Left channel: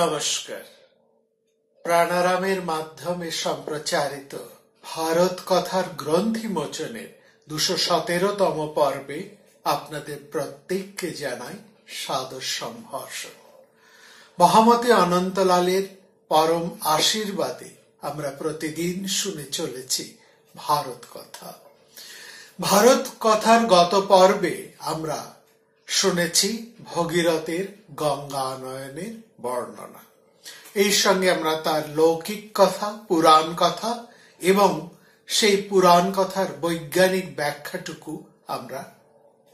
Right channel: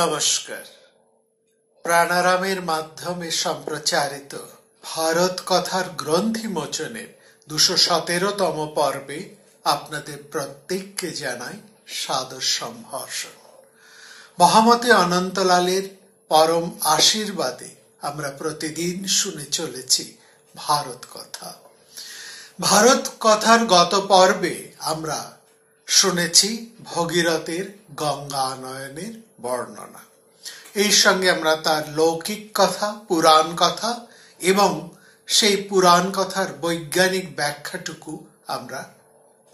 নমস্কার। প্রাণারামের মাধ্যমে সম্প্রচারিত ভারত কথার গ্রন্থি মোচনের ২১৭তম পর্বে আপনাদের প্রত্যেককে জানাই সাদর সম্ভাষণ। মহামতি অনন্তলালের পরম আশীর্বাদে আমরা প্রতিদিন শুনে চলেছি ভারত কথা। ভারত কথার গত পর্বে আমরা শুনেছি ভগীরথের গঙ্গা আনয়নের বর্ণনা। এই সঙ্গে আমরা তার লৌকিক কথা, পুরাণ কথা এবং সেই পুরাণ কথার বৈজ্ঞানিক ব্যাখ্যাটুকু আমরা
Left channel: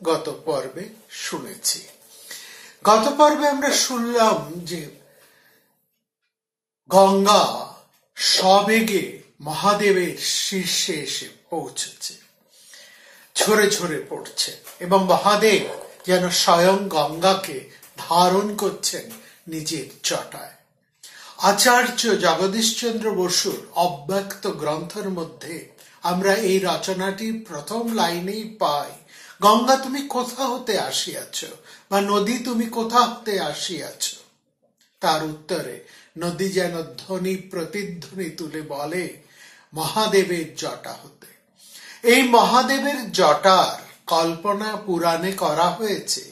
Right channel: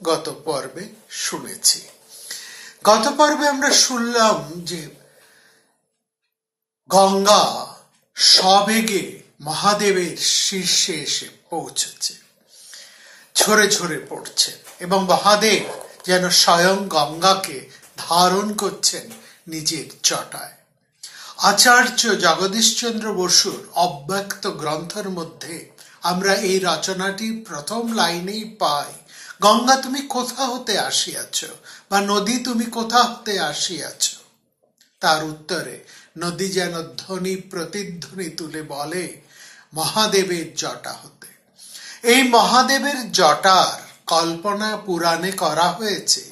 গত পর্বে শুনেছি। গত পর্বে আমরা শুনলাম যে গঙ্গা সবেগে মহাদেবের শীর্ষে এসে পৌঁছেছে, ঝরে ঝরে পড়ছে এবং মহাদেব যেন স্বয়ং গঙ্গাকে ধারণ করছেন নিজের জটায়। আচার্য জগদীশচন্দ্র বসুর অব্যক্ত গ্রন্থের মধ্যে আমরা এই রচনাটি প্রথম লাইনেই পাই, গঙ্গা তুমি কোথা হতে আসিয়াছ, বা নদী তুমি কোথা হতে আসিয়াছ। তার উত্তরে নদী যেন ধ্বনি প্রতিধ্বনি তুলে বলে মহাদেবের জটা হতে। এই মহাদেবের জটার কল্পনা পুরাণে করা হয়েছে,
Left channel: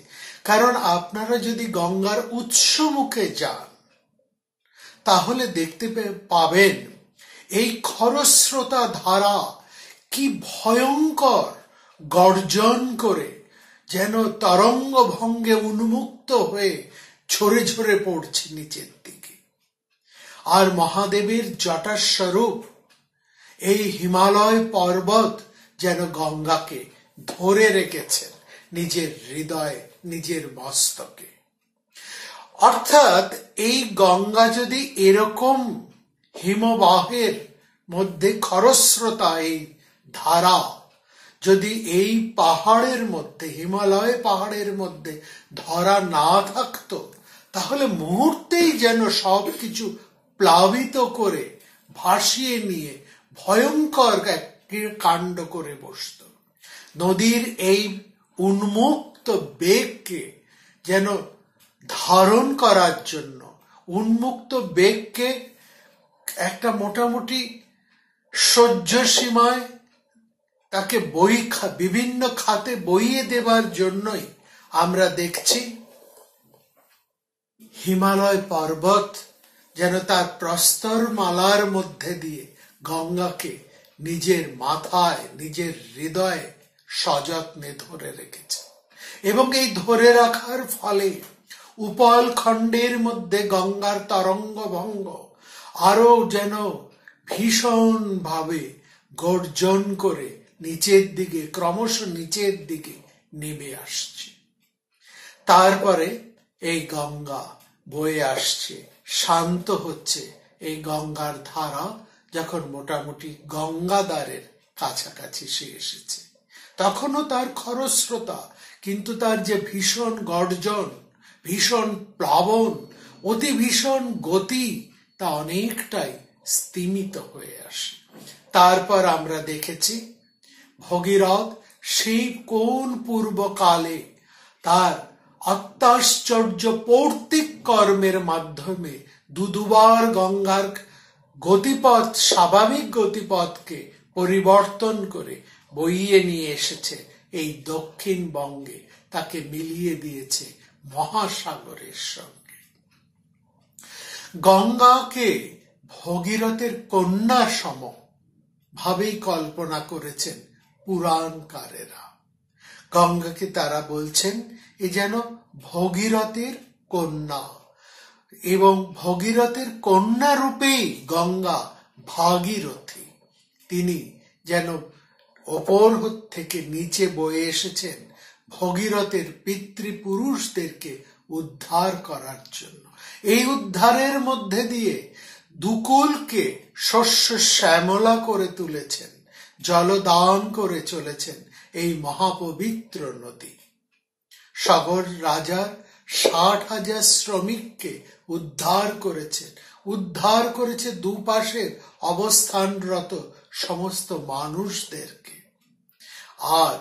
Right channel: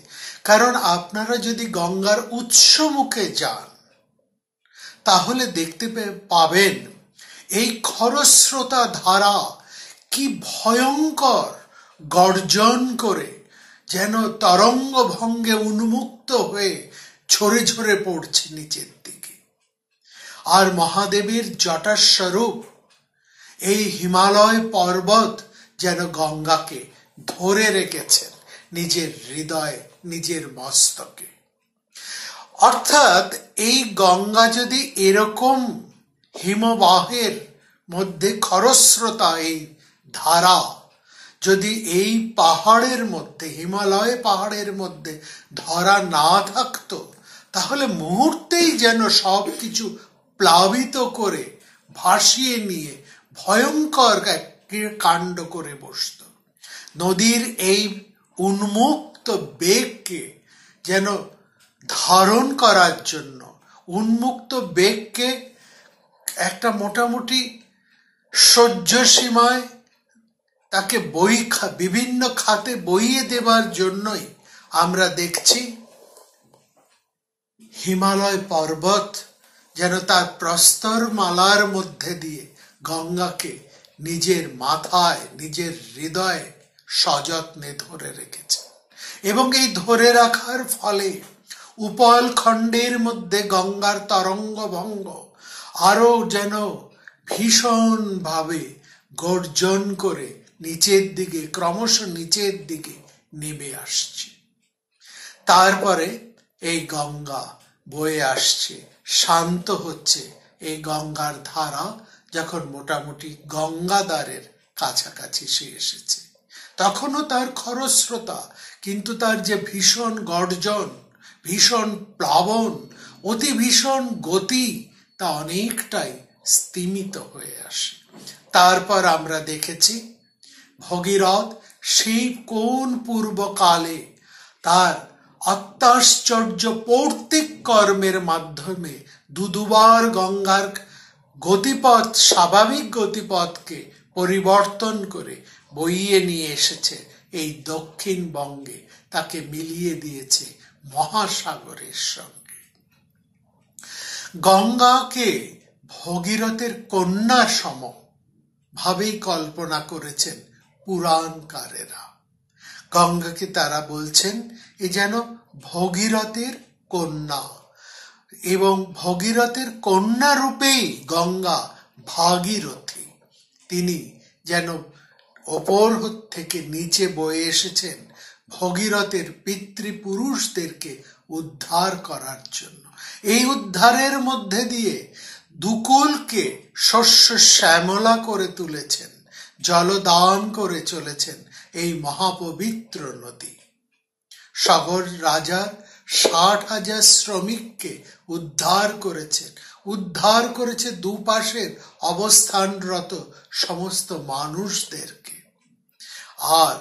কারণ আপনারা যদি গঙ্গার উৎস মুখে যান তাহলে দেখতে পাবেন এই খরস্রোতা ধারা কি ভয়ঙ্কর গর্জন করে যেন তরঙ্গ ভঙ্গে উন্মুক্ত হয়ে ঝরে ঝরে পড়ছে নিচের দিকে। আর মহাদেবের জটার স্বরূপ এই হিমালয় পর্বত যেন গঙ্গাকে ধরে রেখেছেন নিজের হৃদয়ে, নিজের মস্তকে। অর্থাৎ এই গঙ্গা যদি এরকম হিমবাহের মধ্যে খরস্রোতা এই ধারা যদি এই পাহাড়ের মধ্যে, হিমালয় পাহাড়ের মধ্যে ধরা না থাকতো, তাহলে মুহূর্তেই যেন সবকিছু প্লাবিত করে ভাসিয়ে নিয়ে ভয়ঙ্কর কাণ্ড করে বসত। নদীর এই উন্মুক্ত বেগকে যেন ধারণ করার জন্য, উন্মুক্ত বেগকে একটা মোটামুটি সহ্য সীমায় তাকে বিভিন্ন খাতে বইয়ে দেবার জন্যই আমরা দেখছি হিমালয় পর্বত যেন তার প্রস্তর মালার মধ্যে দিয়ে গঙ্গাকে নিজের মাথায়, নিজের হৃদয়ে সযত্নে ধরে রেখেছে। এবং এই ধরে রাখার ফলে উপল খণ্ডের মধ্যে গঙ্গার তরঙ্গ ভঙ্গ আরো যেন ভীষণ ভাবে গর্জন করে নিচের দিকে, ক্রমশ নিচের দিকে নেমে আসছে। তারপরে এই গঙ্গা বয়ে আসছে, শান্ত হচ্ছে। এই গঙ্গার ধারা যখন মোটামুটি গঙ্গাদ্বারের কাছাকাছি সে এসেছে, তখনও তার খরস্রোতা, কিন্তু তার যে ভীষণ গর্জন, ভীষণ প্লাবন, অতি ভীষণ গতি, তা অনেকটাই স্তিমিত হয়ে আসে। তারপর আমরা দেখেছি ভগীরথ সেই কোন পূর্বকালে তার অত্যাশ্চর্য পৌর্তিক কর্মের মাধ্যমে দুবার গঙ্গার গতিপথ, স্বাভাবিক গতিপথকে পরিবর্তন করে বইয়ে নিয়ে এসেছে এই দক্ষিণবঙ্গে, তাকে মিলিয়ে দিয়েছে মহাসাগরের সঙ্গে। গঙ্গাকে ভগীরথের কন্যা সম ভাবেই কল্পনা করেছেন পুরাণকারেরা। গঙ্গাকে তারা বলছেন এ যেন ভগীরথের কন্যা, এবং ভগীরথের কন্যা রূপেই গঙ্গা ভাগীরথী। তিনি যেন ওপর থেকে নিচে বয়ে এসেছেন ভগীরথের পিতৃপুরুষদেরকে উদ্ধার করার জন্য। এই উদ্ধারের মধ্যে দিয়ে দুকুলকে শস্য শ্যামলা করে তুলেছেন, জলদান করে চলেছেন এই মহাপবিত্র নদী। সগর রাজা ৬০,০০০ শ্রমিককে উদ্ধার করেছেন, উদ্ধার করেছে দুপাশের অবস্থানরত সমস্ত মানুষদেরকে। আর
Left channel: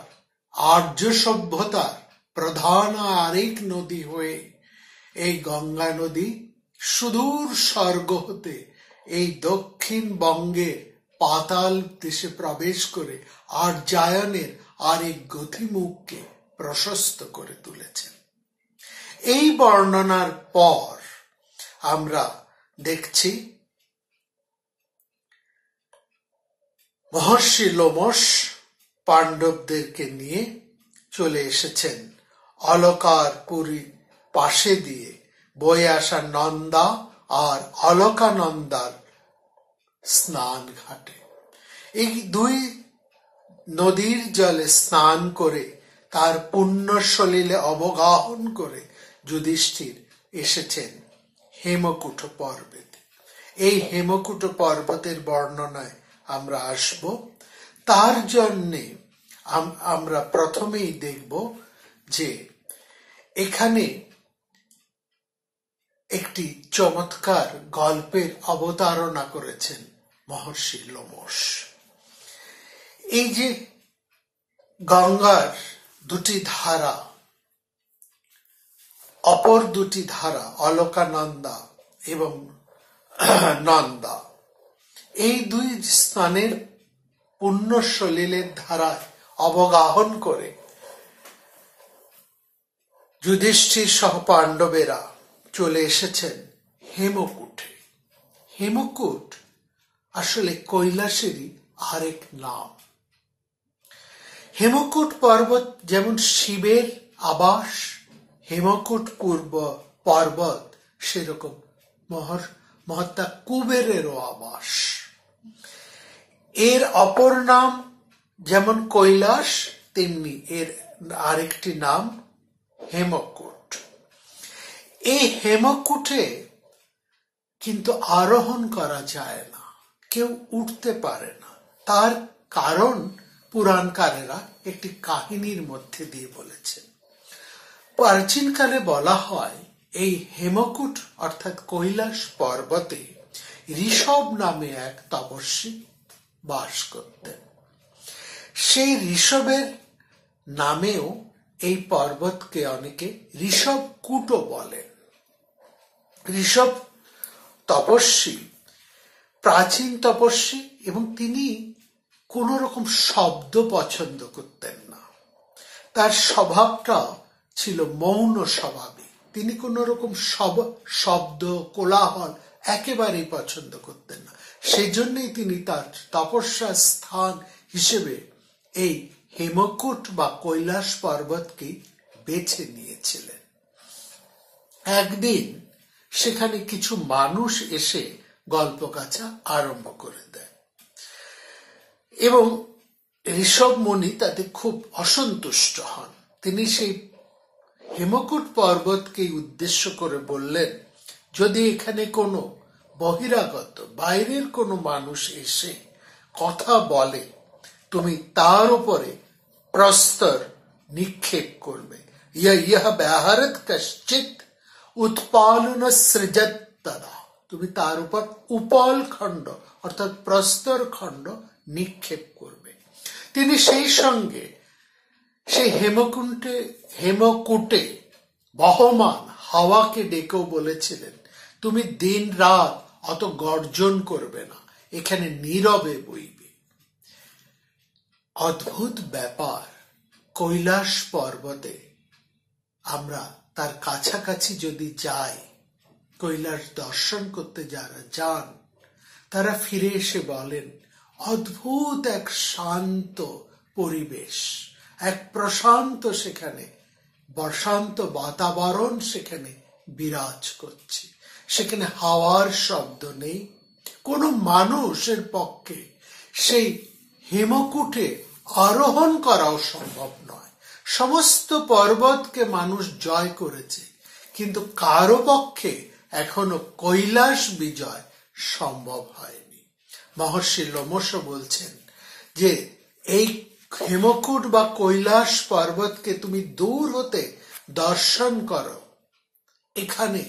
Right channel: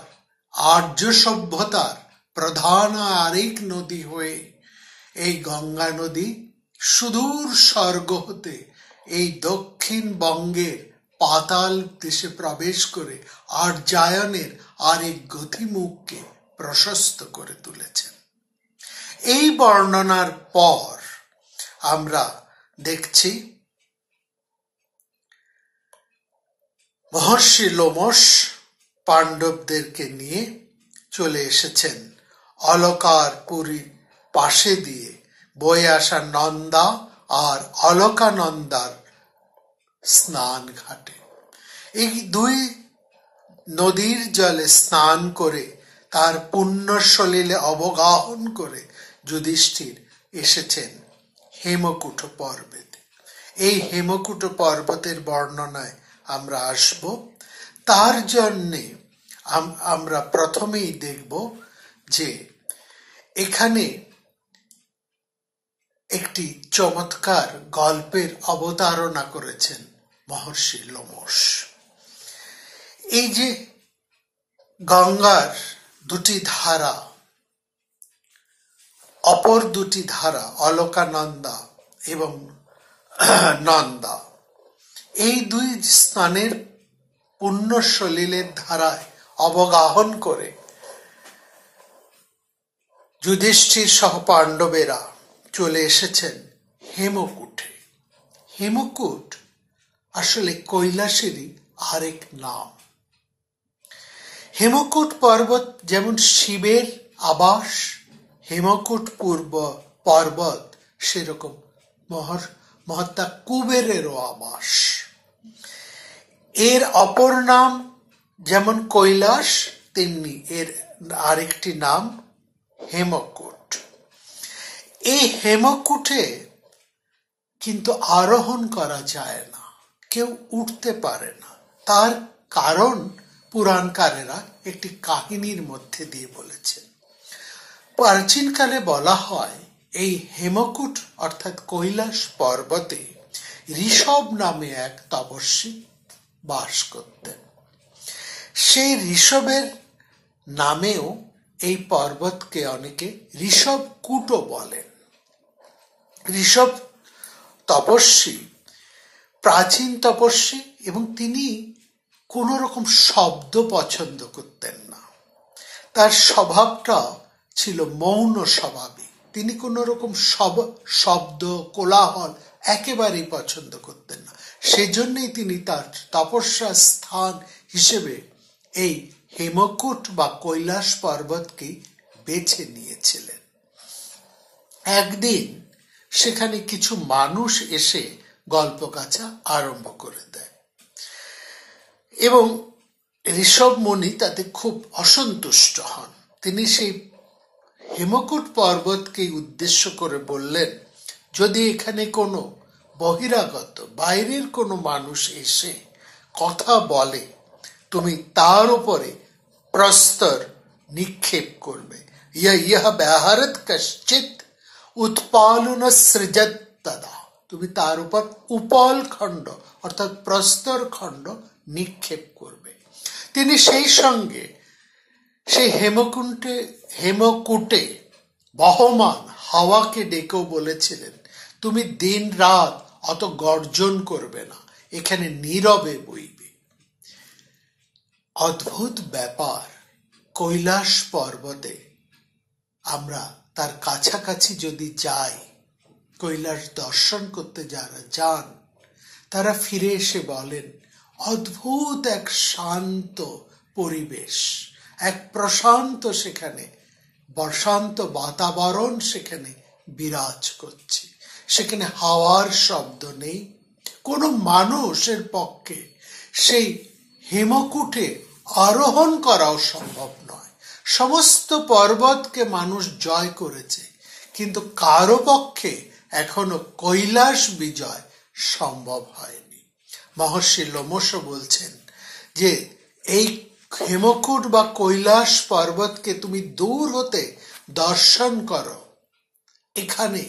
আর্য সভ্যতার প্রধান আরেক নদী হয়ে এই গঙ্গা নদী সুদূর স্বর্গ হতে এই দক্ষিণবঙ্গের পাতাল দেশে প্রবেশ করে আর্যায়নের আরেক গতিমুখকে প্রশস্ত করে তুলেছেন। এই বর্ণনার পর আমরা দেখছি মহর্ষি লোমশ পাণ্ডবদেরকে নিয়ে চলে এসেছেন অলকার পুরী পাশে দিয়ে বয়ে আসা নন্দা আর অলকানন্দার স্নান ঘাটে। এই দুই নদীর জলে স্নান করে তার পুণ্য সলিলে অবগাহন করে যুধিষ্ঠির এসেছেন হেমকূট পর্বতে। এই হেমকূট পর্বতের বর্ণনায় আমরা আসব। তার জন্যে আমরা প্রথমেই দেখব যে এখানে একটি চমৎকার গল্পের অবতারণা করেছেন মহর্ষি লোমশ। এই যে গঙ্গার দুটি ধারা, অপর দুটি ধারা অলকানন্দা এবং নন্দা, এই দুই স্থানের পুণ্য সলিলের ধারায় অবগাহন করে যুধিষ্ঠির সহ পাণ্ডবেরা চলে এসেছেন হেমকূটে। হেমকূট আসলে কৈলাসেরই আরেক নাম। হেমকূট পর্বত যেমন শিবের আবাস, হেমকূট পূর্ব পর্বত সেরকম মহাত্মা কুবেরেরও আবাস। এর অপর নাম যেমন কৈলাস, তেমনি এর আরেকটি নাম হেমকূট। এই হেমকূটে কিন্তু আরোহণ করা যায় না, কেউ উঠতে পারে না। তার কারণ পুরাণকারেরা একটি কাহিনীর মধ্যে দিয়ে বলেছে। প্রাচীনকালে বলা হয় এই হেমকূট অর্থাৎ কৈলাস পর্বতে ঋষভ নামে এক তপস্বী বাস করতেন। সেই ঋষভের নামেও এই পর্বতকে অনেকে ঋষভকূটও বলেন। ঋষভ তপস্বী, প্রাচীন তপস্বী, এবং তিনি কোন রকম শব্দ পছন্দ করতেন না। তার স্বভাবটা ছিল মৌন স্বভাবে। তিনি কোন রকম শব্দ কোলাহল একেবারেই পছন্দ করতেন না। সেজন্যই তিনি তার তপস্যার স্থান হিসেবে এই হেমকূট বা কৈলাস পর্বতকে বেছে নিয়েছিলেন। একদিন সেখানে কিছু মানুষ এসে গল্প কাছা আরম্ভ করে দেয় এবং ঋষভ মুনি তাতে খুব অসন্তুষ্ট হন। তিনি সেই হেমকূট পর্বতকে উদ্দেশ্য করে বললেন, যদি এখানে কোনো বহিরাগত বাইরের কোনো মানুষ এসে কথা বলে, তুমি তার উপরে প্রস্তর নিক্ষেপ করবে। ইহ ব্যাহারত কশ্চিৎ উৎপালন সৃজত তদা, তুমি তার উপর উপল খণ্ড অর্থাৎ প্রস্তর খণ্ড নিক্ষেপ করবে। তিনি সেই সঙ্গে সেই হেমকূটে বহমান হাওয়াকে ডেকেও বলেছিলেন, তুমি দিন রাত অত গর্জন করবে না, এখানে নীরবে বইবে। অদ্ভুত ব্যাপার, কৈলাস পর্বতে আমরা তার কাছাকাছি যদি যাই, কৈলাস দর্শন করতে যারা যান তারা ফিরে এসে বলেন, অদ্ভুত এক শান্ত পরিবেশ, এক প্রশান্ত সেখানে বসন্ত বাতাবরণ সেখানে বিরাজ করছে। সেখানে হাওয়ার শব্দ নেই। কোনো মানুষের পক্ষে সেই হেমকূটে আরোহণ করাও সম্ভব নয়। সমস্ত পর্বতকে মানুষ জয় করেছে, কিন্তু কারো পক্ষে এখনো কৈলাস বিজয় সম্ভব হয়নি। মহর্ষি লোমশ বলছেন যে এই হেমকূট বা কৈলাস পর্বতকে তুমি দূর হতে দর্শন করো, এখানে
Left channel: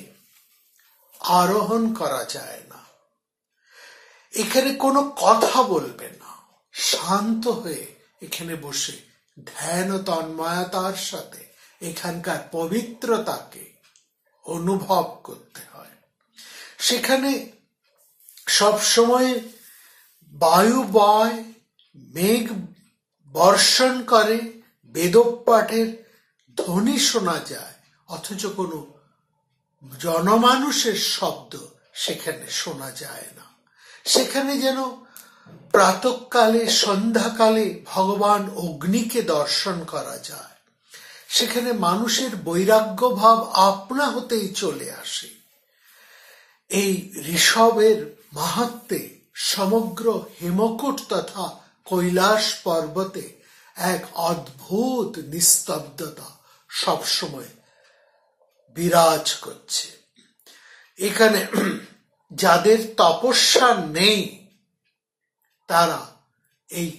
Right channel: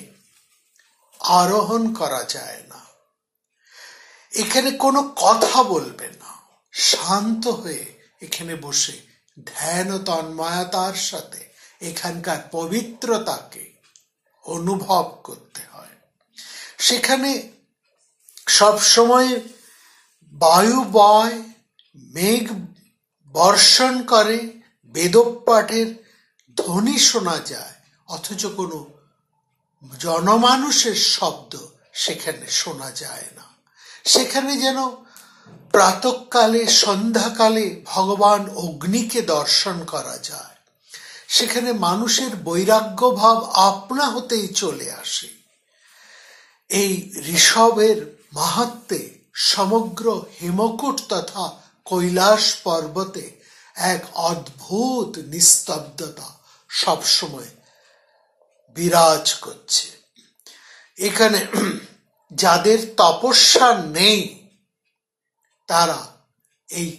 আরোহণ করা যায় না, এখানে কোনো কথা বলবে না, শান্ত হয়ে এখানে বসে ধ্যান ও তন্ময়তার সাথে এখানকার পবিত্রতাকে অনুভব করতে হয়। সেখানে সবসময় বায়ু বয়, মেঘ বর্ষণ করে, বেদপাঠের ধ্বনি শোনা যায়, অথচ কোনো জনমানুষের শব্দ সেখানে শোনা যায় না। সেখানে যেন প্রাতঃকালে সন্ধ্যাকালে ভগবান অগ্নিকে দর্শন করা যায়। সেখানে মানুষের বৈরাগ্য ভাব আপনা হতেই চলে আসে। এই ঋষভের মাহাত্ম্যে সমগ্র হেমকূট তথা কৈলাস পর্বতে এক অদ্ভুত নিস্তব্ধতা সবসময় বিরাজ করছে। এখানে যাদের তপস্যা নেই তারা এই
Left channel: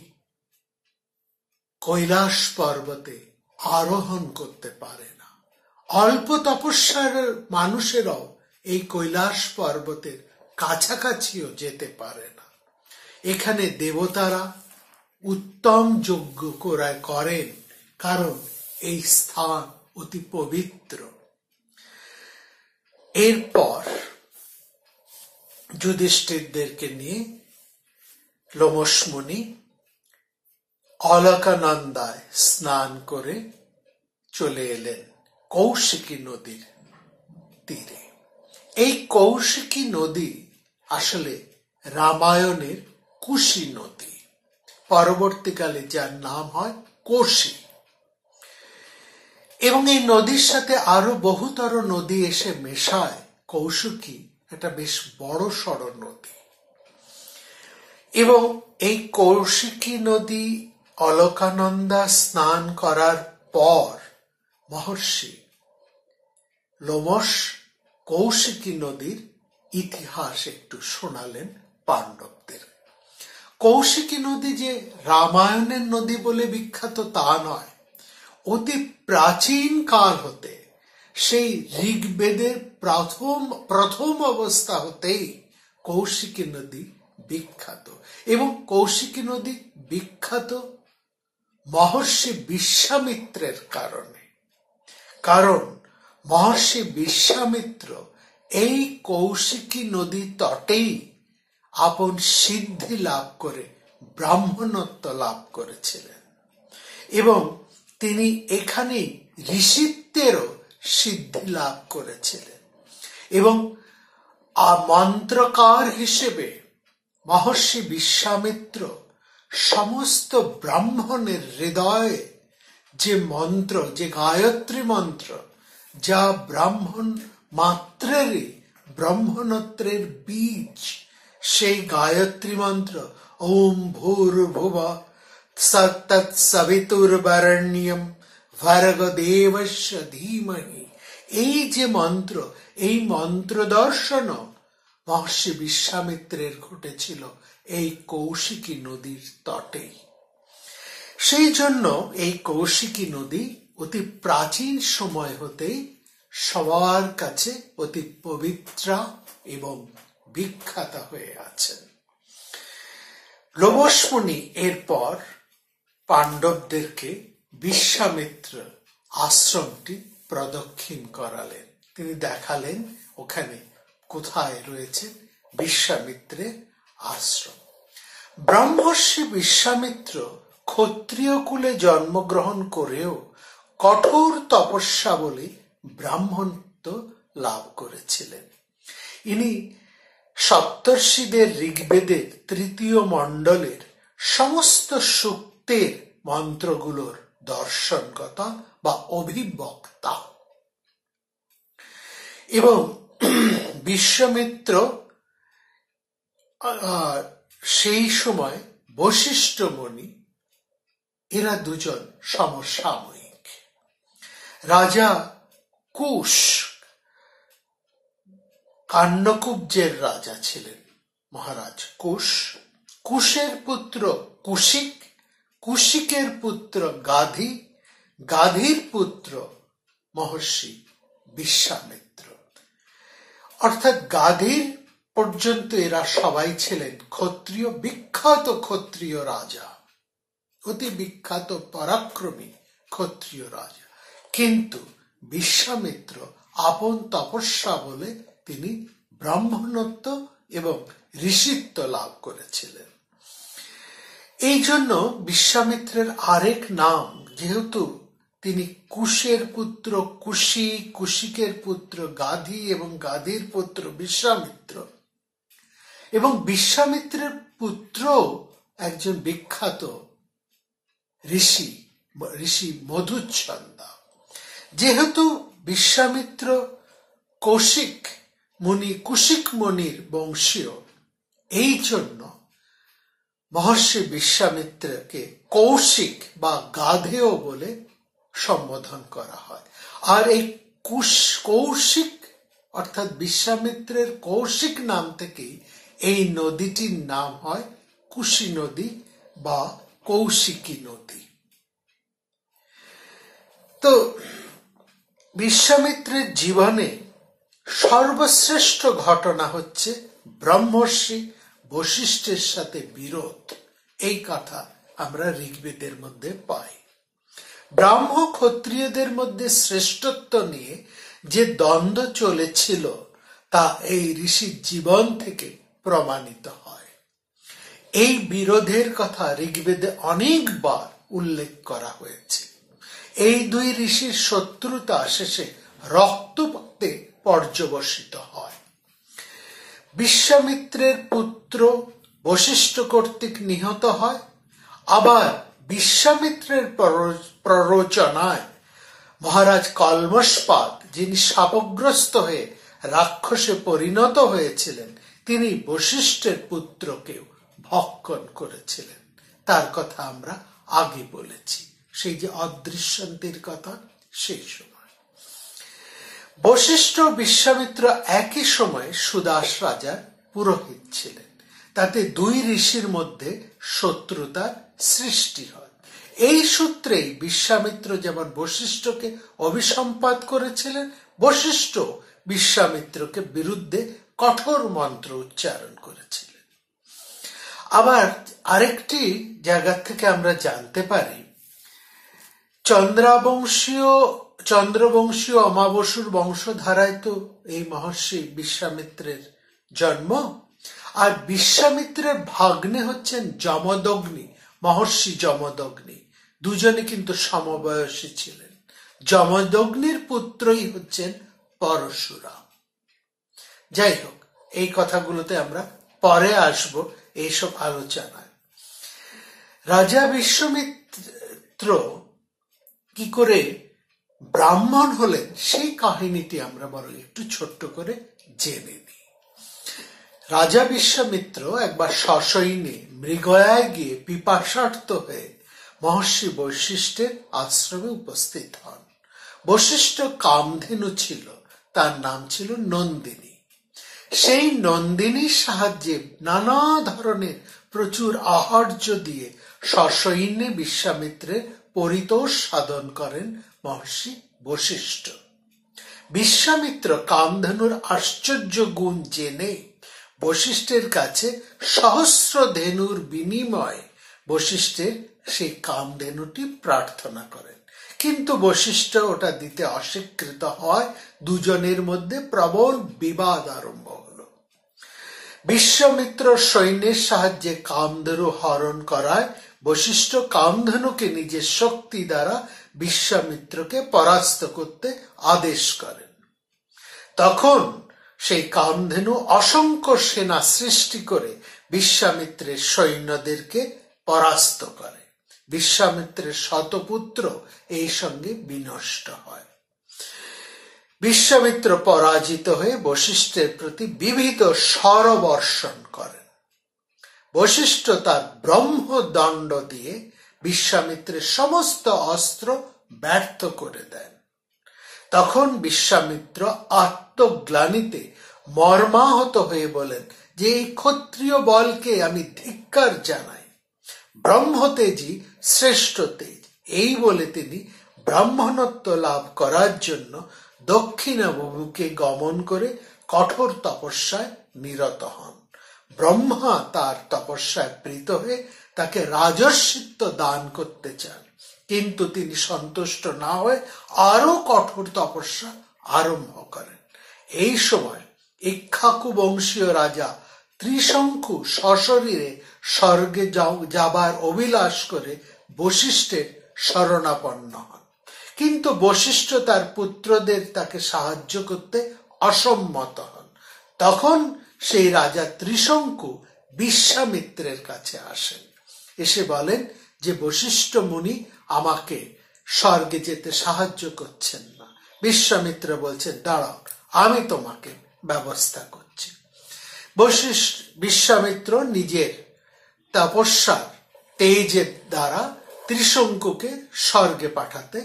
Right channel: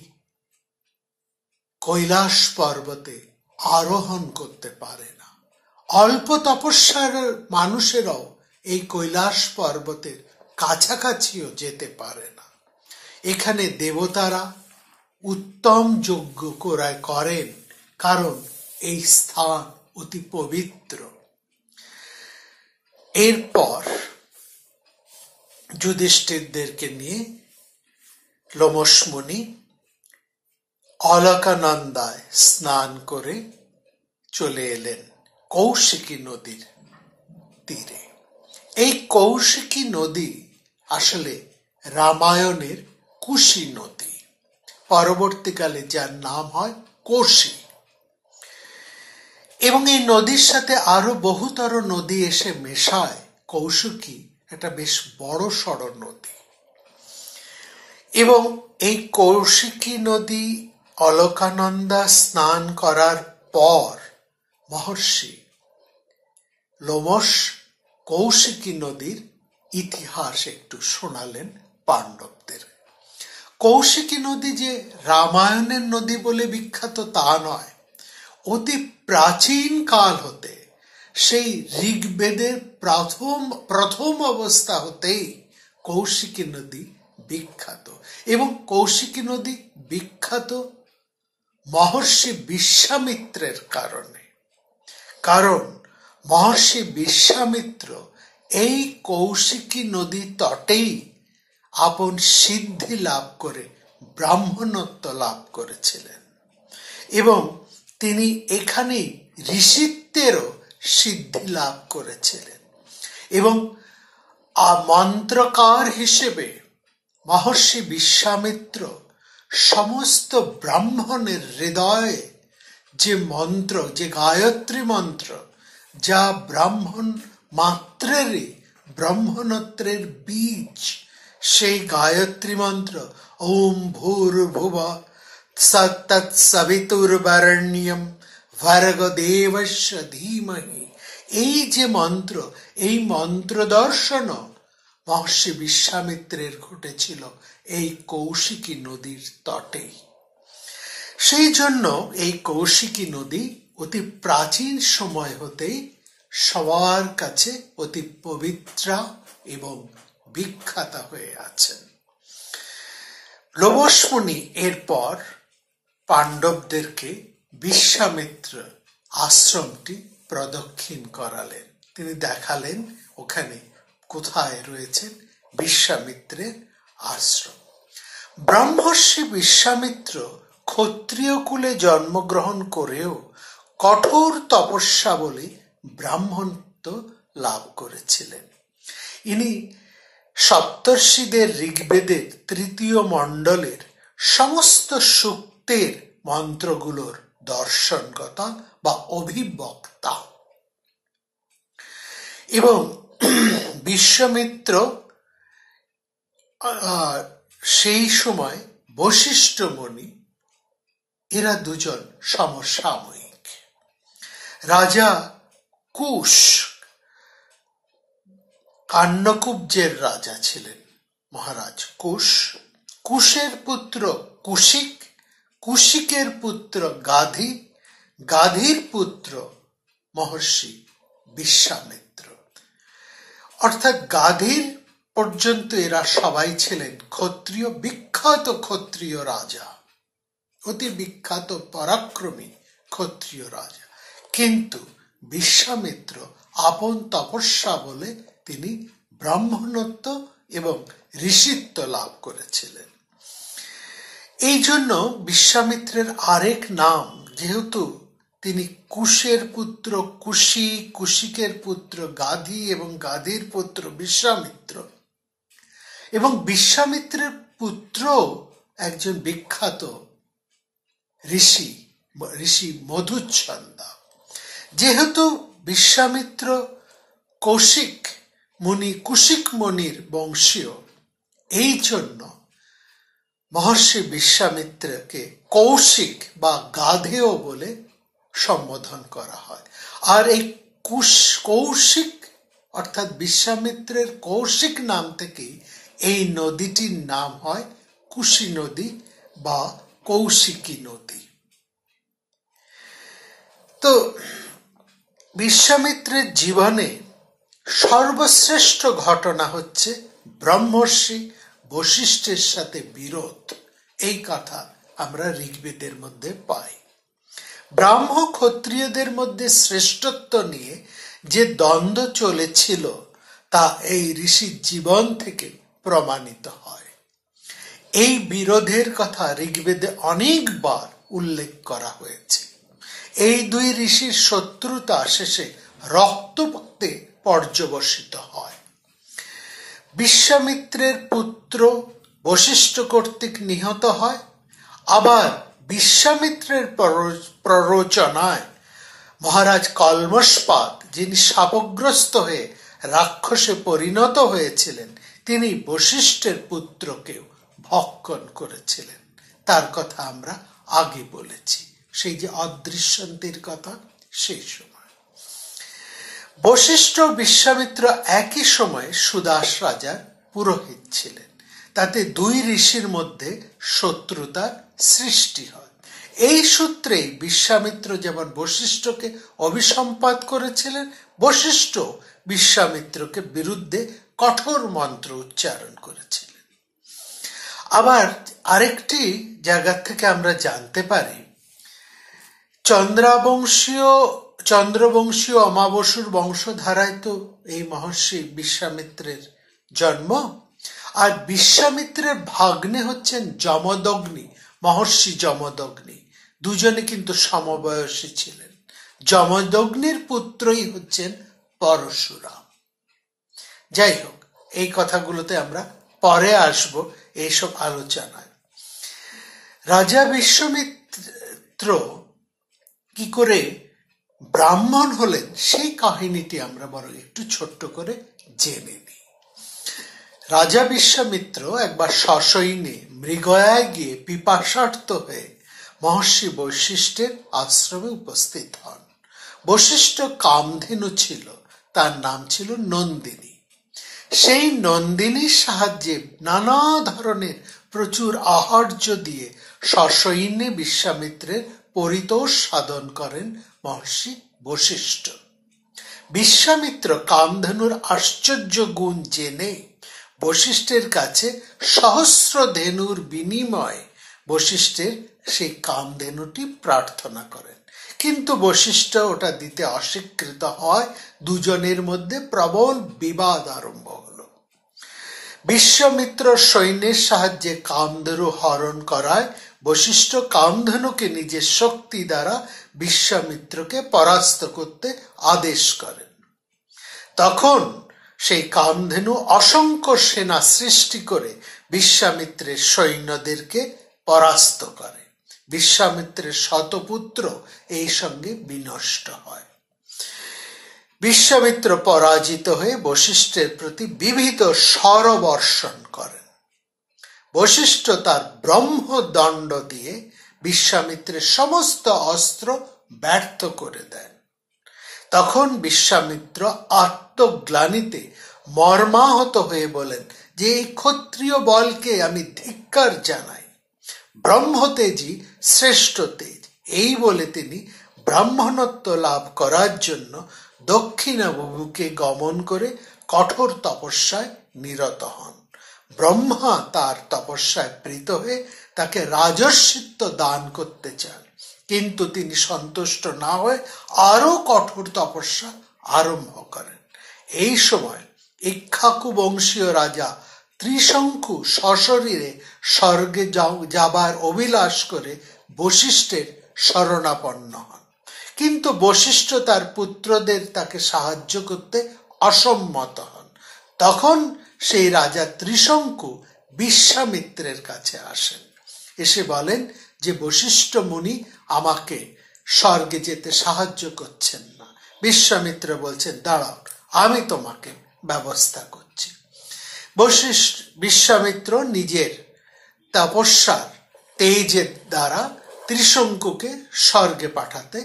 কৈলাস পর্বতে আরোহণ করতে পারে না। অল্প তপস্যার মানুষেরাও এই কৈলাস পর্বতের কাছাকাছিও যেতে পারে না। এখানে দেবতারা উত্তম যজ্ঞ করেন, কারণ এই স্থান অতি পবিত্র। এরপর যুধিষ্ঠিরদেরকে নিয়ে লোমশ মুনি অলকানন্দায় স্নান করে চলে এলেন কৌশিকী নদীর তীরে। এই কৌশিকী নদী আসলে রামায়ণের কুশী নদী, পরবর্তীকালে যার নাম হয় কোশী। এবং এই নদীর সাথে আরো বহুতর নদী এসে মেশায়। কৌশিকী একটা বেশ বড় সড় নদী। এবং এই কৌশিকী নদী অলকানন্দা স্নান করার পর মহর্ষি লোমশ কৌশিকী নদীর ইতিহাস একটু শোনালেন পাণ্ডবদের। কৌশিকী নদী যে রামায়ণের নদী বলে বিখ্যাত তা নয়, অতি প্রাচীন কাল হতে, সেই ঋগ্বেদের প্রথম অবস্থা হতেই কৌশিকী নদী বিখ্যাত। এবং কৌশিকী নদী বিখ্যাত মহর্ষি বিশ্বামিত্রের কারণে। কারণ মহর্ষি বিশ্বামিত্র এই কৌশিকী নদী তটেই আপন সিদ্ধি লাভ করে ব্রাহ্মণত্ব লাভ করেছিলেন। এবং তিনি এখানেই ঋষিত্বেরও সিদ্ধি লাভ করেছিলেন। এবং মন্ত্রকার হিসেবে মহর্ষি বিশ্বামিত্র সমস্ত ব্রাহ্মণের হৃদয়ে যে মন্ত্র, যে গায়ত্রী মন্ত্র, যা ব্রাহ্মণ মাত্রেরই ব্রহ্মণত্বের বীজ, সেই গায়ত্রী মন্ত্র ওম ভূর্ভুবঃ তৎসবিতুর্বরেণ্যম ভর্গো দেবস্য ধীমহি, এই যে মন্ত্র, এই মন্ত্র দর্শন মহর্ষি বিশ্বামিত্রের ঘটেছিল এই কৌশিকী নদীর তটে। সেই জন্য এই কৌশিকী নদী অতি প্রাচীন সময় হতেই সবার কাছে অতি পবিত্রা এবং বিখ্যাত হয়ে আছেন। লোমশ মুনি এরপর পাণ্ডবদেরকে বিশ্বামিত্র আশ্রমটি প্রদক্ষিণ করালেন। তিনি দেখালেন ওখানে কোথায় রয়েছে বিশ্বামিত্রের আশ্রম। ব্রহ্মর্ষি বিশ্বামিত্র ক্ষত্রিয় কুলে জন্মগ্রহণ করেও কঠোর তপস্যা বলে ব্রাহ্মণত্ব লাভ করেছিলেন। ইনি সপ্তর্ষিদের ঋগ্বেদের তৃতীয় মণ্ডলের সমস্ত সূক্তের মন্ত্রগুলোর দর্শনকতা বা অভিবক্তা। এবং বিশ্বামিত্র সেই সময় বশিষ্ঠ মুনি, এরা দুজন সমসাময়িক। রাজা কুশ কান্যকুব্জের রাজা ছিলেন মহারাজ কুশ। কুশের পুত্র কুশিক, কুশিকের পুত্র গাধী, গাধীর পুত্র মহর্ষি বিশ্বামিত্র। অর্থাৎ গাধীর পর্যন্ত এরা সবাই ছিলেন ক্ষত্রিয়, বিখ্যাত ক্ষত্রিয় রাজা, অতি বিখ্যাত পরাক্রমী ক্ষত্রিয় রাজা। কিন্তু বিশ্বামিত্র আপন তপস্যা বলে তিনি ব্রাহ্মণত্ব এবং ঋষিত্ব লাভ করেছিলেন। এই জন্য বিশ্বামিত্রের আরেক নাম, যেহেতু তিনি কুশের পুত্র কুশি, কুশিকের পুত্র গাধি এবং গাধির পুত্র বিশ্বামিত্র, এবং বিশ্বামিত্রের পুত্র একজন বিখ্যাত ঋষি মধুচ্ছন্দা। যেহেতু বিশ্বামিত্র কুশিক মুনির বংশীয়, এই জন্য মহর্ষি বিশ্বামিত্রকে কৌশিক বা গাধেয় বলে সম্বোধন করা হয়। আর এই কৌশিক অর্থাৎ বিশ্বামিত্রের কৌশিক নাম থেকেই এই নদীটির নাম হয় কুশি নদী বা কৌশিকী নদী। তো বিশ্বামিত্রের জীবনে সর্বশ্রেষ্ঠ ঘটনা হচ্ছে ব্রহ্মর্ষি বশিষ্ঠের সাথে বিরোধ। এই কথা আমরা ঋগ্বেদের মধ্যে পাই। ব্রাহ্ম ক্ষত্রিয়দের মধ্যে শ্রেষ্ঠত্ব নিয়ে যে দ্বন্দ্ব চলেছিল তা এই ঋষির জীবন থেকে প্রমাণিত হয়। এই বিরোধের কথা ঋগ্বেদে অনেকবার উল্লেখ করা হয়েছে। এই দুই ঋষির শত্রুতা শেষে রক্তপাতে পর্যবসিত হয়। বিশ্বামিত্রের পুত্র বশিষ্ঠ কর্তৃক নিহত হয়। আবার বিশ্বামিত্রের প্ররোচনায় মহারাজ কলমশপাদ, যিনি শাপগ্রস্ত হয়ে রাক্ষসে পরিণত হয়েছিলেন, তিনি বশিষ্ঠের পুত্রকেও ভক্ষণ করেছিলেন। তার কথা আমরা আগে বলেছি, সেই যে অদৃশ্যন্তীর কথা। সেই সময় বশিষ্ঠ বিশ্বামিত্র একই সময়ে সুদাস রাজার পুরোহিত ছিলেন। তাতে দুই ঋষির মধ্যে শত্রুতা সৃষ্টি হয়। এই সূত্রেই বিশ্বামিত্র যেমন বশিষ্ঠকে অভিসম্পাত করেছিলেন, বশিষ্ঠ বিশ্বামিত্রকে বিরুদ্ধে কঠোর মন্ত্র উচ্চারণ করেছিলেন। আবার আরেকটি জায়গা থেকে আমরা জানতে পারি, চন্দ্রবংশীয় অমাবস্যুর বংশধারায় তো এই মহর্ষি বিশ্বামিত্রের জন্ম। আর বিশ্বামিত্রের ভাগ্নে হচ্ছেন যমদগ্নি, মহর্ষি যমদগ্নি। দুজনে কিন্তু সমবয়সী ছিলেন। যমদগ্নির পুত্রই হচ্ছেন পরশুরাম। যাই হোক, এই কথাগুলোতে আমরা পরে আসব এইসব আলোচনায়। রাজা বিশ্বামিত্র কি করে ব্রাহ্মণ হলেন সেই কাহিনীটি আমরা বরং একটু ছোট্ট করে জেনে নিই। রাজা বিশ্বামিত্র একবার সসৈন্যে মৃগয়ায় গিয়ে পিপাসার্ত হয়ে মহর্ষি বশিষ্ঠের আশ্রমে উপস্থিত হন। বশিষ্ঠ কামধেনু ছিল, তার নাম ছিল নন্দিনী। সেই নন্দিনীর সাহায্যে নানা ধরনের প্রচুর আহার্য দিয়ে সসৈন্যে বিশ্বামিত্রের পরিতোষ সাধন করেন মহর্ষি বশিষ্ঠ। বিশ্বামিত্র কামধেনুর আশ্চর্য গুণ জেনে বশিষ্ঠের কাছে সহস্র ধেনুর বিনিময়ে বশিষ্ঠের সেই কামধেনুটি প্রার্থনা করেন। কিন্তু বশিষ্ঠ ওটা দিতে অস্বীকৃত হয়। দুজনের মধ্যে প্রবল বিবাদ আরম্ভ হলো। বিশ্বামিত্র সৈন্যের সাহায্যে কামধেনু হরণ করায় বশিষ্ঠ কামধেনুকে নিজের শক্তি দ্বারা বিশ্বামিত্রকে পরাস্ত করতে আদেশ করেন। তখন সেই কামধেনু অসংখ্য সেনা সৃষ্টি করে বিশ্বামিত্রের সৈন্যদেরকে পরাস্ত করে। বিশ্বামিত্রের শতপুত্র এই সঙ্গে বিনষ্ট হয়। বিশ্বামিত্র পরাজিত হয়ে বশিষ্ঠের প্রতি বিবিধ শরবর্ষণ করেন। বশিষ্ঠ তার ব্রহ্মদণ্ড দিয়ে বিশ্বামিত্রের সমস্ত অস্ত্র ব্যর্থ করে দেন। তখন বিশ্বামিত্র আত্মগ্লানিতে মর্মাহত হয়ে বলেন যে এই ক্ষত্রিয় বলকে আমি ধিক্কার জানাই। ব্রহ্মতেজই শ্রেষ্ঠ তেজ। এই বলে তিনি ব্রাহ্মণত্ব লাভ করার জন্য দক্ষিণাভিমুখে গমন করে কঠোর তপস্যায় নিরত হন। ব্রহ্মা তার তপস্যায় প্রীত হয়ে তাকে রাজর্ষিত্ব দান করতে চান, কিন্তু তিনি সন্তুষ্ট না হয়ে আরো কঠোর তপস্যা আরম্ভ করেন। এই সময় ইক্ষ্বাকু বংশীয় রাজা ত্রিশঙ্কু সশরীরে স্বর্গে যাবার অভিলাষ করে বশিষ্ঠের শরণাপন্ন হন, কিন্তু বশিষ্ঠ তার পুত্রদের তাকে সাহায্য করতে অসম্মত হন। তখন সেই রাজা ত্রিশঙ্কু বিশ্বামিত্রের কাছে আসেন, এসে বলেন যে বশিষ্ঠ মুনি আমাকে স্বর্গে যেতে সাহায্য করছেন না। বিশ্বামিত্র বলছেন, দাঁড়াও, আমি তোমাকে ব্যবস্থা করছি। বিশ্বামিত্র নিজের তপস্যার তেজের দ্বারা ত্রিশঙ্কুকে স্বর্গে পাঠাতে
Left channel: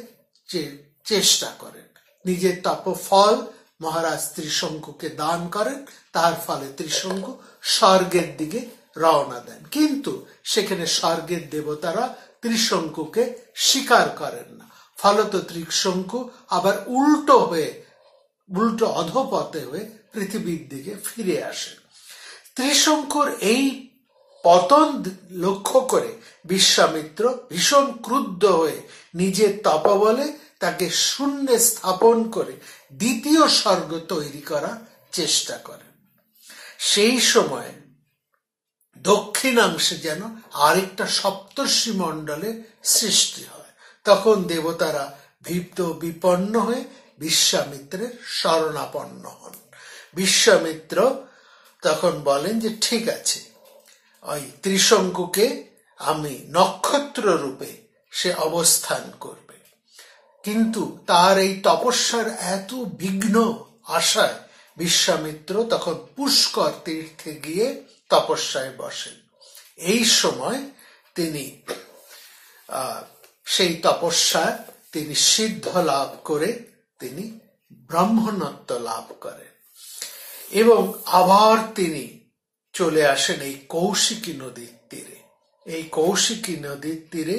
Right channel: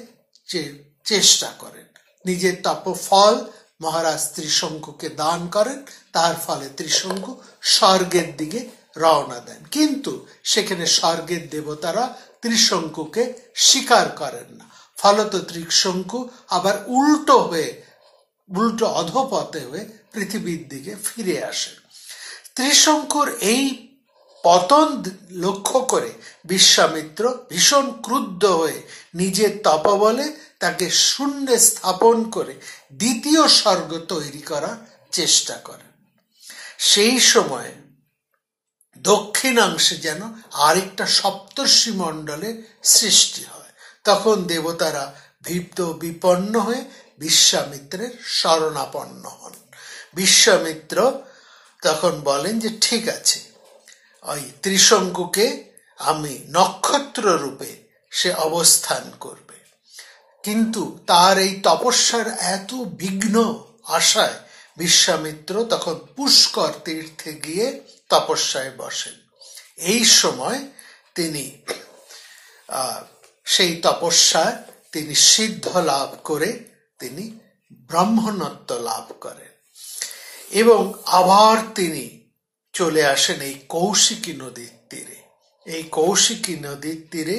চেষ্টা করেন। নিজের তপফল মহারাজ ত্রিশঙ্কুকে দান করেন, তার ফলে ত্রিশঙ্কু স্বর্গের দিকে রওনা দেন। কিন্তু সেখানে স্বর্গের দেবতারা ত্রিশঙ্কুকে স্বীকার করেন না, ফলত ত্রিশঙ্কু আবার উল্টো অধপথে হয়ে পৃথিবীর দিকে ফিরে আসেন। ত্রিশঙ্কুর এই পতন লক্ষ্য করে বিশ্বামিত্র ভীষণ ক্রুদ্ধ হয়ে নিজের তপবলে তাকে শূন্যে স্থাপন করে দ্বিতীয় স্বর্গ তৈরি করার চেষ্টা করেন। সেই সময় দক্ষিণাংশে যেন আরেকটা সপ্তর্ষি মণ্ডলের সৃষ্টি হয়। তখন দেবতারা ভীত বিপন্ন হয়ে বিশ্বামিত্রের শরণাপন্ন হন। বিশ্বামিত্র তখন বলেন যে ঠিক আছে, ওই ত্রিশঙ্কুকে আমি নক্ষত্র রূপে সে অবস্থান করবে। কিন্তু তার এই তপস্যার এত বিঘ্ন আশায় বিশ্বামিত্র তখন পুষ্কর তীর্থে গিয়ে তপস্যায় বসেন। এই সময় তিনি সেই তপস্যায় তিনি সিদ্ধ লাভ করে তিনি ব্রাহ্মণত্ব লাভ করেন এবং আবার তিনি চলে আসেন এই কৌশিকী নদীর তীরে। এই কৌশিকী নদীর তীরে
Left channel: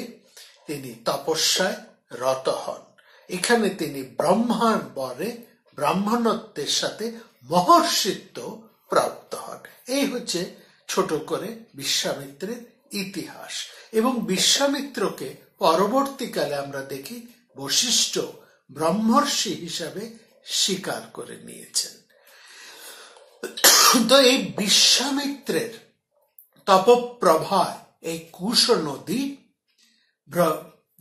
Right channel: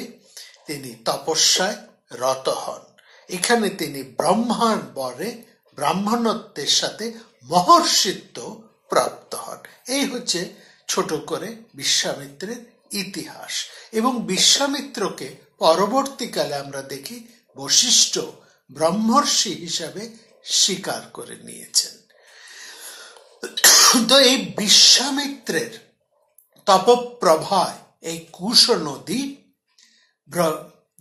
তিনি তপস্যায় রত হন। এখানে তিনি ব্রহ্মার বরে ব্রাহ্মণত্বের সাথে মহর্ষিত্ব প্রাপ্ত হন। এই হচ্ছে ছোট করে বিশ্বামিত্রের ইতিহাস। এবং বিশ্বামিত্রকে পরবর্তীকালে আমরা দেখি বশিষ্ঠ ব্রহ্মর্ষি হিসাবে স্বীকার করে নিয়েছেন। তো এই বিশ্বামিত্রের তপপ্রভায় এই কুশ নদী,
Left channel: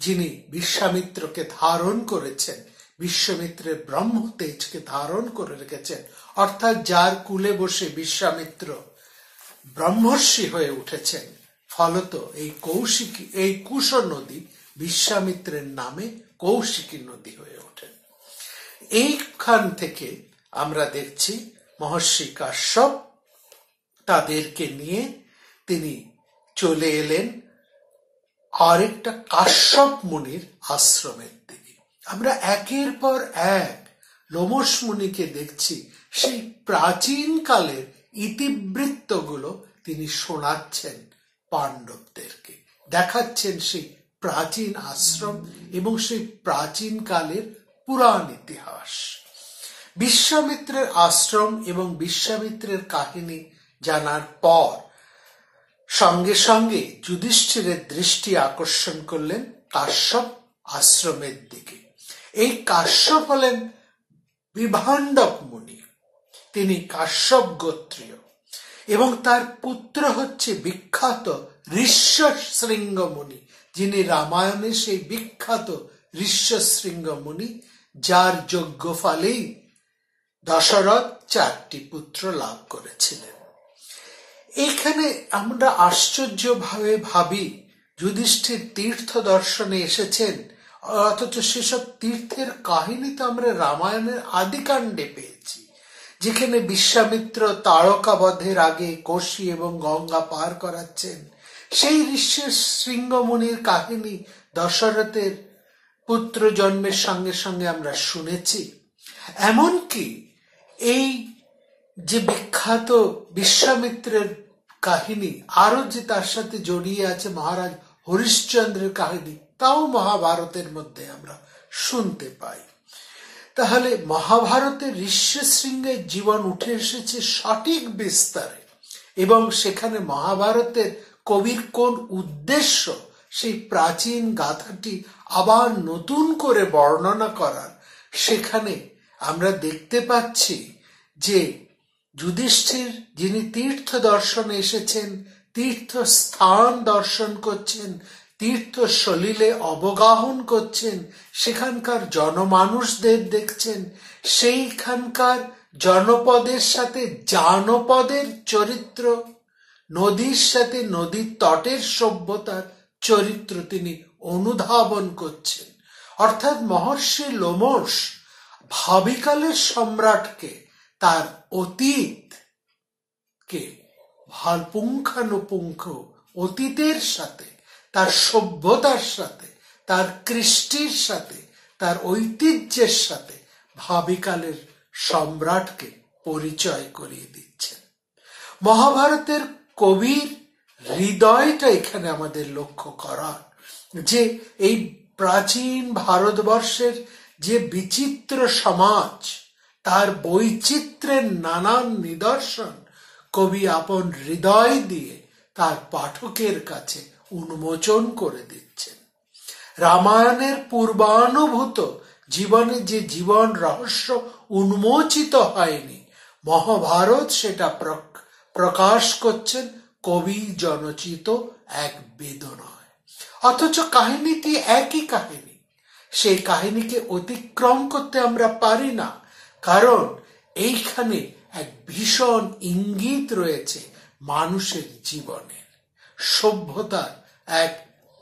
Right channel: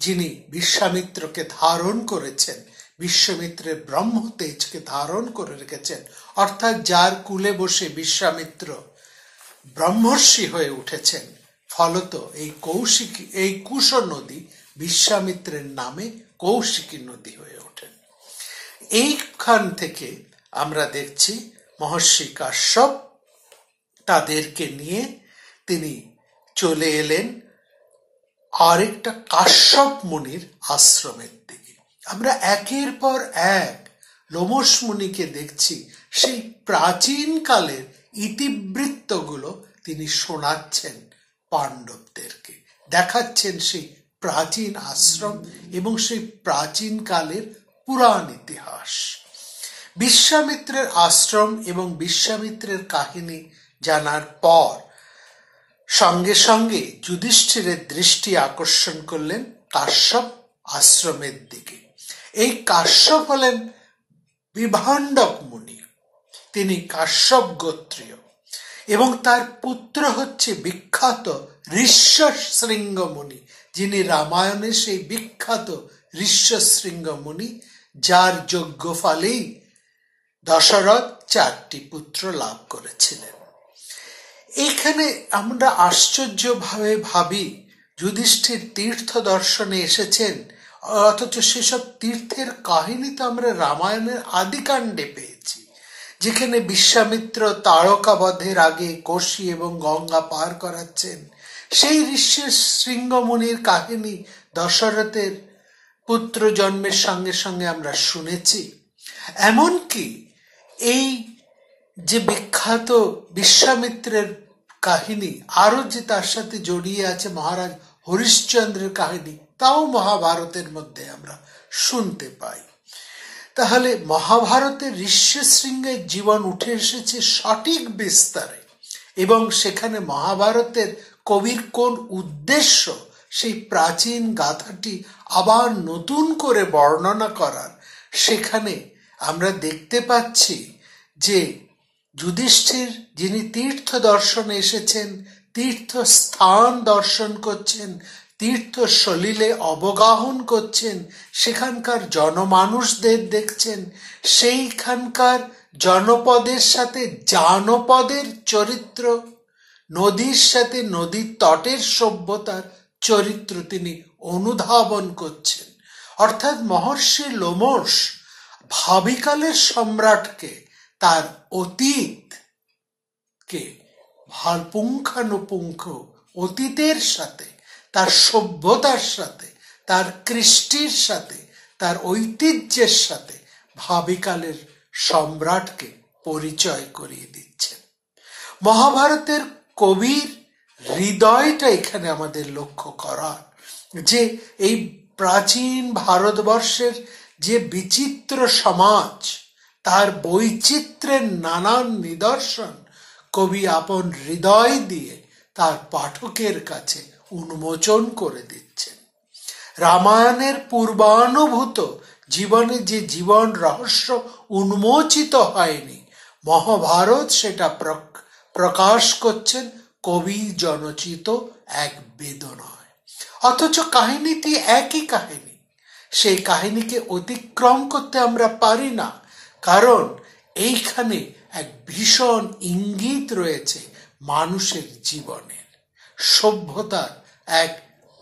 যিনি বিশ্বামিত্রকে ধারণ করেছেন, বিশ্বামিত্রের ব্রহ্ম তেজকে ধারণ করে রেখেছেন, অর্থাৎ যার কুলে বসে বিশ্বামিত্র ব্রহ্মর্ষি হয়ে উঠেছেন, ফলত এই কুশ নদী বিশ্বামিত্রের নামে কৌশিকী নদী হয়ে ওঠেন। এইখান থেকে আমরা দেখছি মহর্ষি কাশ্যপ তাদেরকে নিয়ে তিনি চলে এলেন আরেকটা কাশ্যপ মুনির আশ্রমের দিকে। আমরা একের পর এক লোমশ মুনিকে দেখছি সেই প্রাচীন কালের ইতিবৃত্তগুলো তিনি শোনাচ্ছেন পাণ্ডবদেরকে, দেখাচ্ছেন সেই প্রাচীন আশ্রম এবং সেই প্রাচীন কালের পুরাণ ইতিহাস। বিশ্বামিত্রের আশ্রম এবং বিশ্বামিত্রের কাহিনী জানার পর সঙ্গে সঙ্গে যুধিষ্ঠিরের দৃষ্টি আকর্ষণ করলেন কাশ্যপ আশ্রমের দিকে। এই কাশ্যপ হলেন বিভাণ্ডক মুনি, তিনি কাশ্যপ গোত্রীয় এবং তার পুত্র হচ্ছে বিখ্যাত ঋষ্যশৃঙ্গ মুনি, যিনি রামায়ণের সেই বিখ্যাত ঋষ্যশৃঙ্গ মুনি, যার যজ্ঞ ফলেই দশরথ 4টি পুত্র লাভ করেছিলেন। এইখানে আমরা আশ্চর্যভাবে ভাবি যুধিষ্ঠির তীর্থ দর্শনে এসেছেন, অথচ সেসব তীর্থের কাহিনী তো আমরা রামায়ণের আদিকাণ্ডে পেয়েছি, যেখানে বিশ্বামিত্র তারকাবধের আগে কোশি এবং গঙ্গা পার করাচ্ছেন। সেই ঋষ্যশৃঙ্গ মুনির কাহিনী দশরথের পুত্র জন্মের সঙ্গে সঙ্গে আমরা শুনেছি। এমনকি এই যে বিখ্যাত বিশ্বামিত্রের কাহিনী, আরো যে তার সাথে জড়িয়ে আছে মহারাজ হরিশ্চন্দ্রের কাহিনী, তাও মহাভারতের মধ্যে আমরা শুনতে পাই। তাহলে মহাভারতের ঋষ্যশৃঙ্গের জীবন উঠে এসেছে সঠিক বিস্তারে, এবং সেখানে মহাভারতের কবির কোন উদ্দেশ্য সেই প্রাচীন গাথাটি আবার নতুন করে বর্ণনা করার, সেখানে আমরা দেখতে পাচ্ছি যে যুধিষ্ঠির যিনি তীর্থ দর্শনে এসেছেন, তীর্থস্থান দর্শন করছেন, তীর্থ সলিলে অবগাহন করছেন, সেখানকার জনমানুষদের দেখছেন, সেইখানকার জনপদের সাথে জানপদের চরিত্র, নদীর সাথে নদীর তটের সভ্যতার চরিত্র তিনি অনুধাবন করছেন। অর্থাৎ মহর্ষি লোমশ ভাবিকালের সম্রাটকে, তার অতীতকে পুঙ্খানুপুঙ্খ অতীতের সাথে, তার সভ্যতার সাথে, তার কৃষ্টির সাথে, তার ঐতিহ্যের সাথে ভাবিকালের সম্রাটকে পরিচয় করিয়ে দিচ্ছেন। মহাভারতের কবির হৃদয়টা এখানে আমাদের লক্ষ্য করা, যে এই প্রাচীন ভারতবর্ষের যে বিচিত্র সমাজ, তার বৈচিত্র্যের নানান নিদর্শন কবি আপন হৃদয় দিয়ে তার পাঠকের কাছে উন্মোচন করে দিচ্ছেন। রামায়ণের পূর্বানুভূত জীবনে যে জীবন রহস্য উন্মোচিত হয়নি, মহাভারত সেটা প্রকাশ করছেন কবি জনচিত এক বেদনায়। অথচ কাহিনীটি একই কাহিনী, সেই কাহিনীকে অতিক্রম করতে আমরা পারি না, কারণ এইখানে এক ভীষণ ইঙ্গিত রয়েছে মানুষের জীবনের, সভ্যতার এক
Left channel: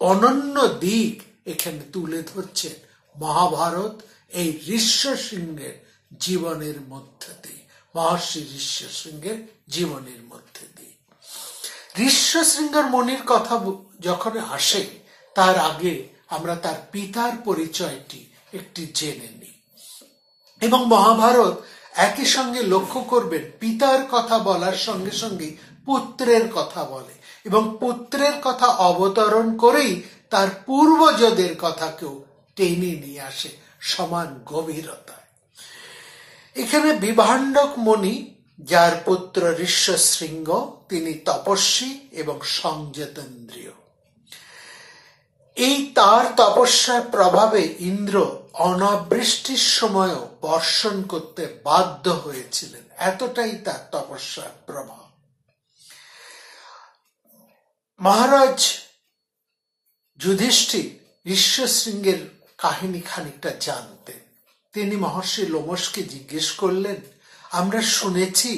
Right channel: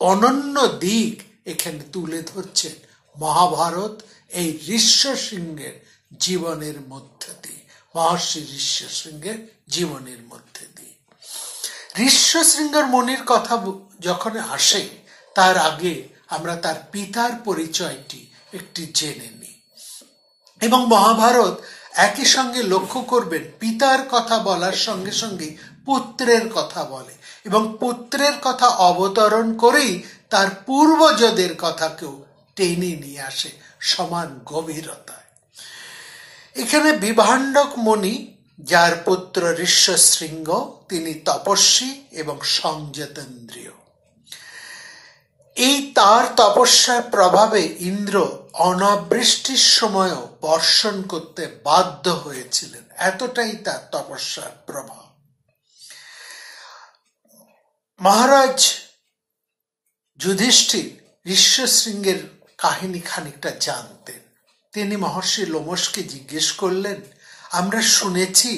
অনন্য দিক এখানে তুলে ধরছেন মহাভারত এই ঋষ্যশৃঙ্গের জীবনের মধ্যে দিয়ে, মহর্ষি ঋষ্যশৃঙ্গের জীবনের মধ্যে দিয়ে। ঋষ্যশৃঙ্গের মুনির কথা যখন আসে, তার আগে আমরা তার পিতার পরিচয়টি একটি জেনে নিই। এবং মহাভারত একই সঙ্গে লক্ষ্য করবেন, পিতার কথা বলার সঙ্গে সঙ্গে পুত্রের কথা বলে, এবং পুত্রের কথা অবতরণ করেই তার পূর্বজদের কথাকেও টেনে নিয়ে আসে সমান গভীরতায়। এখানে বিভাণ্ডক মুনি, যার পুত্র ঋষ্যশৃঙ্গ, তিনি তপস্বী এবং সংযতেন্দ্রিয়। এই তার তপস্যার প্রভাবে ইন্দ্র অনাবৃষ্টির সময়ও বর্ষণ করতে বাধ্য হয়েছিলেন, এতটাই তার তপস্যার প্রভাব। মহারাজ যুধিষ্ঠির ঋষ্যশৃঙ্গের কাহিনী খানিকটা জানতেন। তিনি মহর্ষি লোমশকে জিজ্ঞেস করলেন, আমরা শুনেছি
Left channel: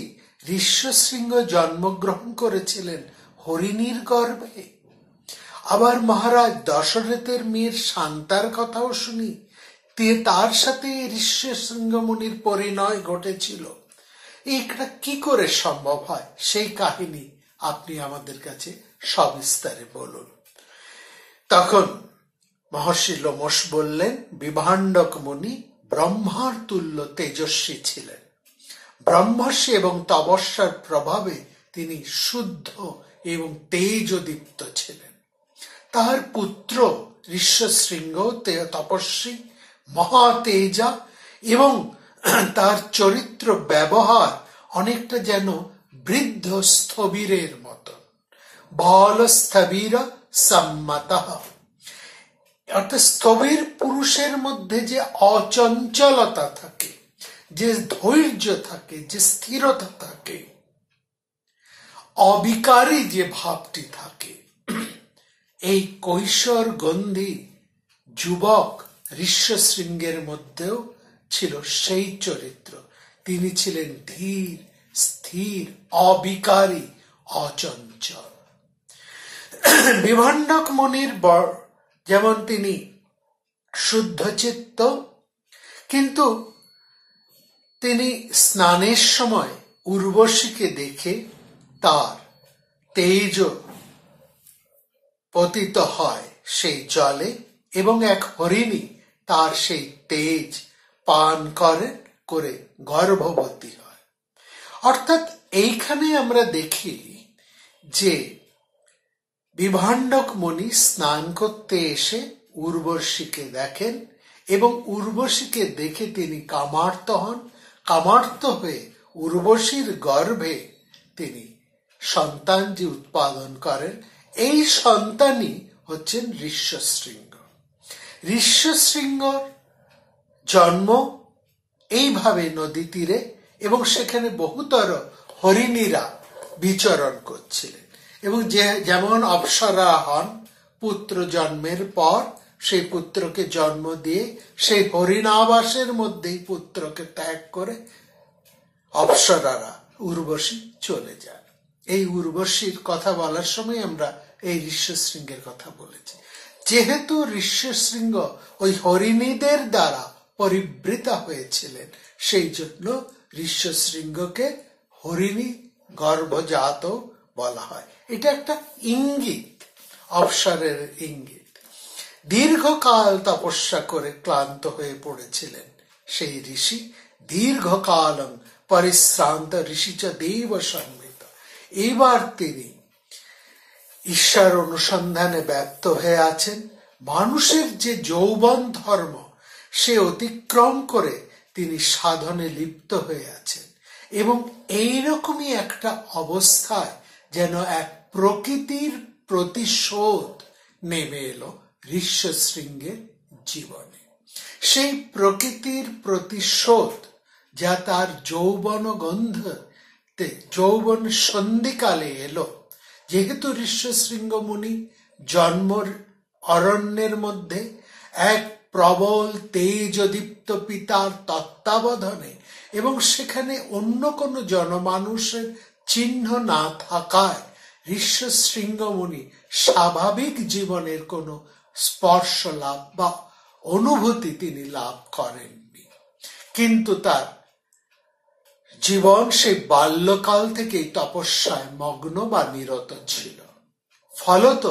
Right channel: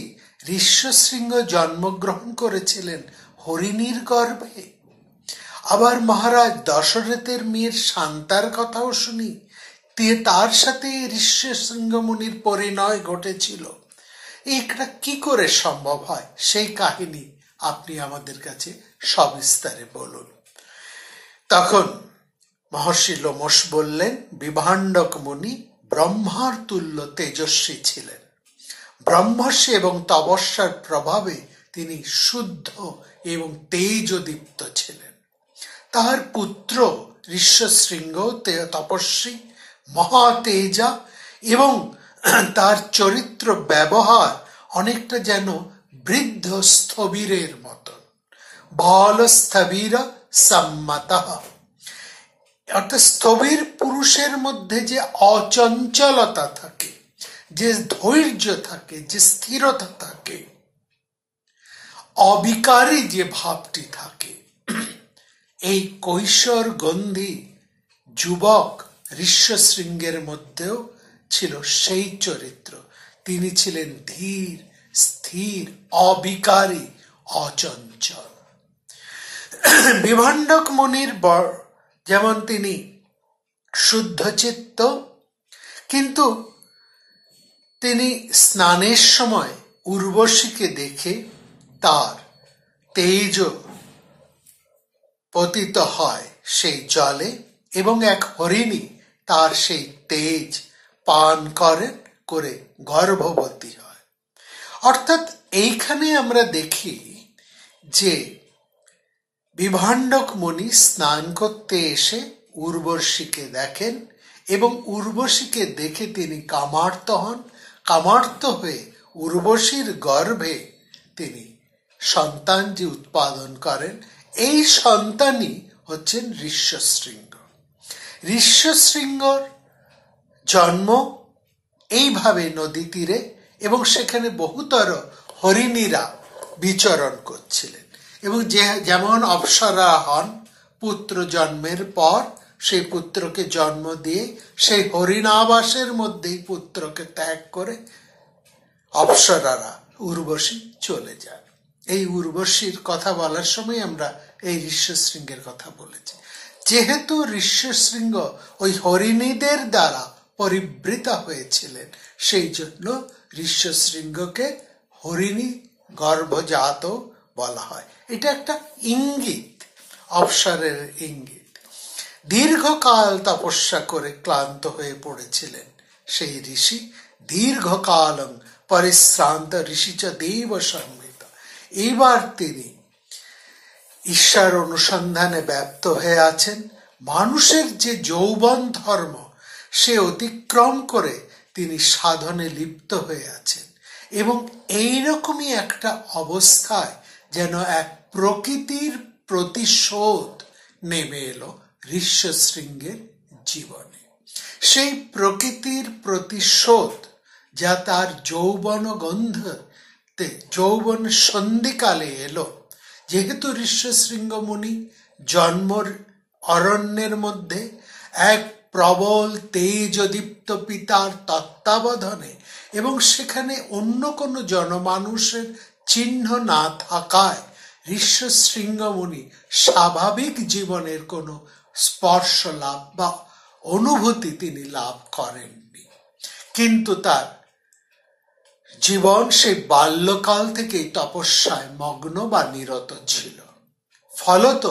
ঋষ্যশৃঙ্গ জন্মগ্রহণ করেছিলেন হরিণীর গর্ভে, আবার মহারাজ দশরথের মেয়ের শান্তার কথাও শুনি, তার সাথে ঋষ্যশৃঙ্গ মুনির পরিণয় ঘটেছিল। এটা কি করে সম্ভব হয়, সেই কাহিনী আপনি আমাদের কাছে সবিস্তারে বলুন। তখন মহর্ষি লোমশ বললেন, বিভাণ্ডক মুনি ব্রহ্মার তুল্য তেজস্বী ছিলেন। ব্রহ্মর্ষি এবং তপস্যার প্রভাবে তিনি শুদ্ধ এবং তেজদীপ্ত ছিলেন। তার পুত্র ঋষ্যশৃঙ্গ তপস্বী, মহাতেজা, এবং তার চরিত্র ব্যবহার অনেকটা যেন বৃদ্ধ স্থবিরের মতো, বল স্থবির সম্মত, অর্থাৎ স্থবির পুরুষের মধ্যে যে অচঞ্চলতা থাকে, যে ধৈর্য থাকে, যে স্থিরতা থাকে, অবিকারী যে ভাবটি থাকে, এই কৈশোর গন্ধি যুবক ঋষ্যশৃঙ্গের মধ্যেও ছিল সেই চরিত্র। তিনি ছিলেন ধীর, স্থির, অবিকারী, অচঞ্চল। বিভাণ্ডক মুনির যেমন তিনি শুদ্ধচিত্ত, কিন্তু তিনি স্নানের সময় উর্বশীকে দেখে তার তেজ পতিত হয় সেই জলে, এবং এক হরিণী তার সেই তেজ পান করে গর্ভবতী হয়। অর্থাৎ এইখানে আমরা দেখি যে বিভাণ্ডক মুনি স্নান করতে এসে উর্বশীকে দেখেন, এবং উর্বশীকে দেখে তিনি কামার্ত হন। কামার্ত হয়ে উর্বশীর গর্ভে তিনি সন্তান যে উৎপাদন করেন, এই সন্তানই হচ্ছেন ঋষ্যশৃঙ্গ। ঋষ্যশৃঙ্গর জন্ম এইভাবে নদী তীরে, এবং সেখানে বহুতর হরিণীরা বিচরণ করছিলেন এবং যেমন অপ্সরা হন পুত্র জন্মের পর সেই পুত্রকে জন্ম দিয়ে সেই হরিণাবাসের মধ্যেই পুত্রকে ত্যাগ করে অপ্সরারা উর্বশী চলে যায়। এই উর্বশীর কথা বলার সময় আমরা এই ঋষ্যশৃঙ্গের কথা বলেছি। যেহেতু ঋষ্যশৃঙ্গ ওই হরিণীদের দ্বারা পরিবৃতা হয়েছিলেন, সেই জন্য ঋষ্যশৃঙ্গকে হরিণী গর্ভজাত বলা হয়। এটা একটা ইঙ্গিত, অবসরের ইঙ্গিত। দীর্ঘকাল তপস্যা করে ক্লান্ত হয়ে পড়েছিলেন সেই ঋষি। দীর্ঘকালং পরিশ্রান্ত ঋষি চ দেব সংহিত। এবার তিনি ঈশ্বর অনুসন্ধানে ব্যপ্ত হয়ে আছেন। মানুষের যে যৌবন ধর্ম সে অতিক্রম করে তিনি সাধনে লিপ্ত হয়ে আছেন এবং এইরকমই একটা অবস্থায় যেন এক প্রকৃতির প্রতিশোধ নেমে এলো ঋষ্যশৃঙ্গের জীবনে। সেই প্রকৃতির প্রতিশোধ যা তার যৌবন গন্ধতে যৌবন সন্ধিকালে এলো। যেহেতু ঋষ্যশৃঙ্গ মুনি জন্মর অরণ্যের মধ্যে এক প্রবল তেজদীপ্ত পিতার তত্ত্বাবধানে এবং সেখানে অন্য কোনো জনমানুষের চিহ্ন না থাকায় ঋষ্যশৃঙ্গ মুনি স্বাভাবিক জীবনের কোনো স্পর্শ লাভ বা অনুভূতি তিনি লাভ করেননি। কিন্তু তার জীবন সেই বাল্যকাল থেকেই তপস্যায় মগ্ন বা নিরত ছিল। ফলত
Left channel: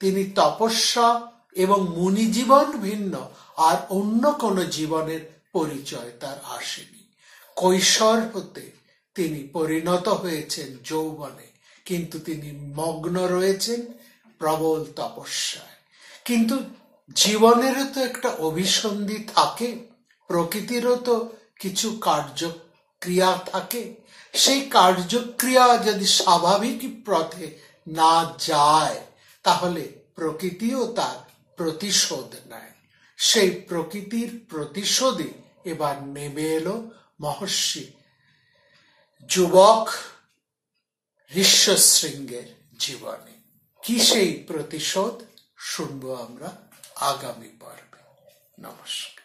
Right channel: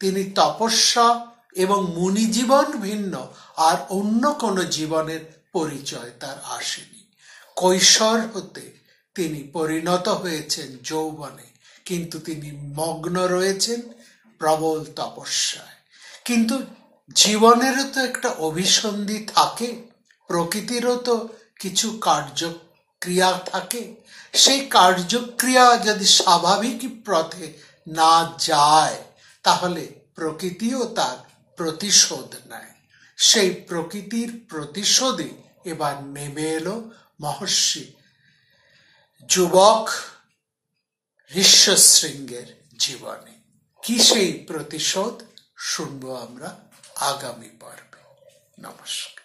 তিনি তপস্যা এবং মুনি জীবন ভিন্ন আর অন্য কোনো জীবনের পরিচয় তার আসেনি। কৈশোর হতে তিনি পরিণত হয়েছেন যৌবনে, কিন্তু তিনি মগ্ন রয়েছেন প্রবল তপস্যায়। কিন্তু জীবনেরও তো একটা অভিসন্ধি থাকে, প্রকৃতিরও তো কিছু কার্যক্রিয়া থাকে। সেই কার্যক্রিয়া যদি স্বাভাবিক পথে না যায় তাহলে প্রকৃতিও তার প্রতিশোধ নেয়। সেই প্রকৃতির প্রতিশোধে এবার নেমে এলো মহর্ষি যুবক ঋষ্যশৃঙ্গের জীবনে। কি সেই প্রতিশোধ শুনবো আমরা আগামী পর্বে। নমস্কার।